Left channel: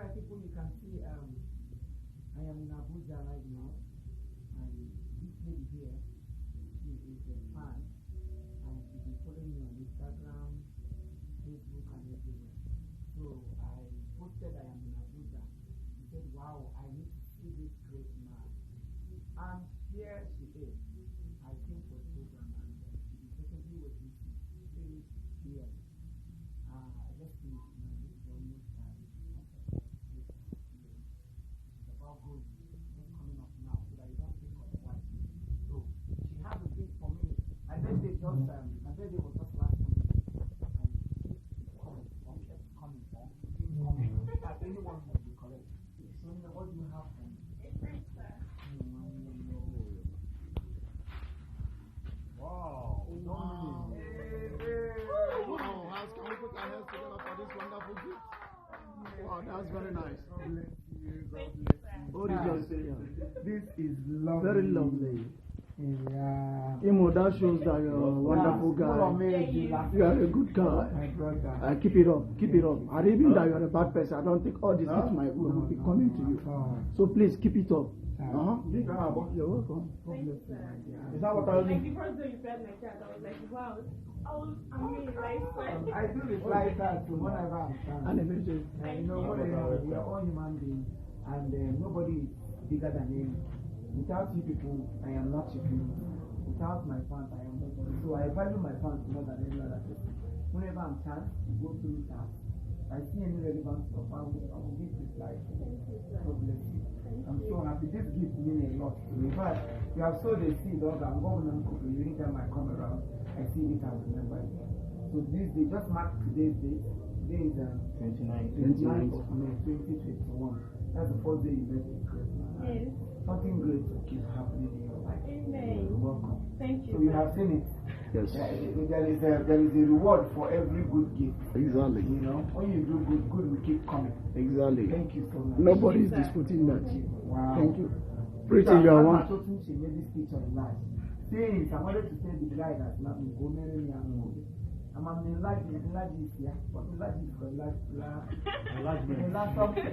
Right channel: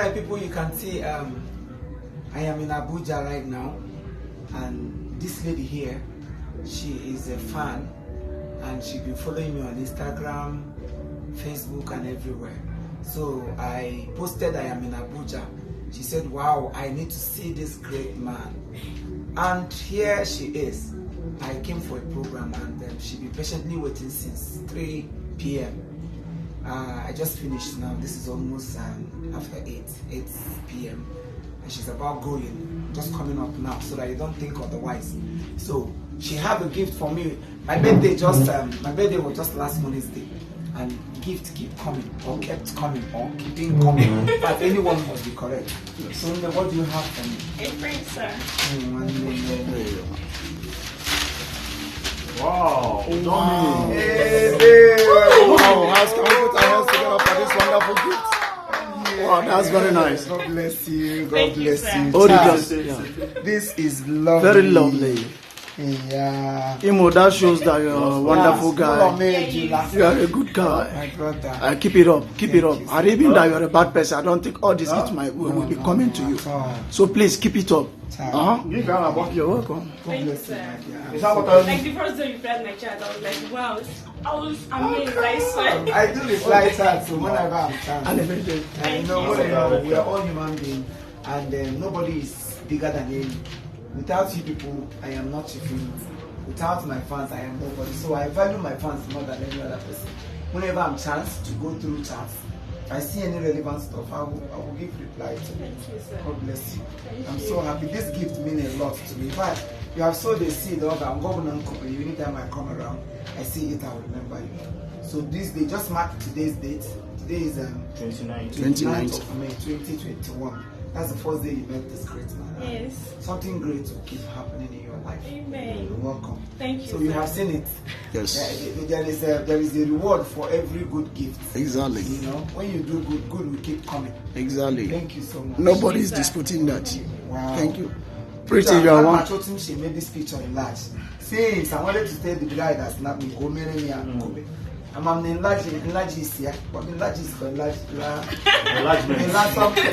Alright, people, you can see I am in Abuja right now, and this lady here, she is a fan, and she's been following me on Instagram, Facebook, and everywhere. So I posted I am in Abuja. She said, wow, I need to see this great man. And here she is. I came for a program, and she's been patiently waiting since 3 p.m. I just finished now. This is almost after 8 p.m. and she's about going, just coming up now, so that you don't think otherwise. So she have a gift for me. My birthday was just last Wednesday, and gift keep coming, or kept coming, or keeping coming. But anyone must be correct. So what do you have for me? A friend, sir. Wow. Wow. Hey, Wow. how can we put our hands together for this wonderful gift? Wow, that's very nice. God bless you. God Thank you, bless sir. you. Oh, Charles, yeah. this is lovely. Very lovely. Yeah. Imo, that shows that you're a wonderful guy. You are a good guy. My brother. Keep it up, keep it up. you, And even that you're a bad person, I don't think all this gifts will be coming to you. So please keep it up. You're welcome. Thank you, sir. Is that what Like the first day you replied my chat, I was like, wow, I was amazed, I swear. I do reply chat, so whenever I'm And done. everything. And you know, whatever, we are all human beings, and nobody is bigger than any. Without you people, I am not your friend. Without my fans, I am nobody. So I value my fans more than any other person. Whenever I'm chance to go through chats, if I see any relevant stuff, I will give reply to Thank you, sir. God bless you. Thank I'm you. so happy. This gift means a lot to me. In fact, you have sowed a seed of I'm going on company. Anytime I come around, I see it, I will remember you. So this day, just mark today's date. Today is 29th of May 2021. That's the first day you met this great man. Yes. Something great will keep happening in your life. Amen. You're welcome. Thank you, So you sir. have seen it. Yes. There is a reward for every good gift. Exactly. You know, when you do good, good will keep coming. Exactly. Thank you so much. Nobody is disputing that. Wow. Thank you. Pretty, you are one. She made this picture enlarge. Since I wanted to tell the guy that snapped me, go marry me and Kobe. I'm enlarge is here, but enlarge is for enlarge. Enlargement. Enlarge something.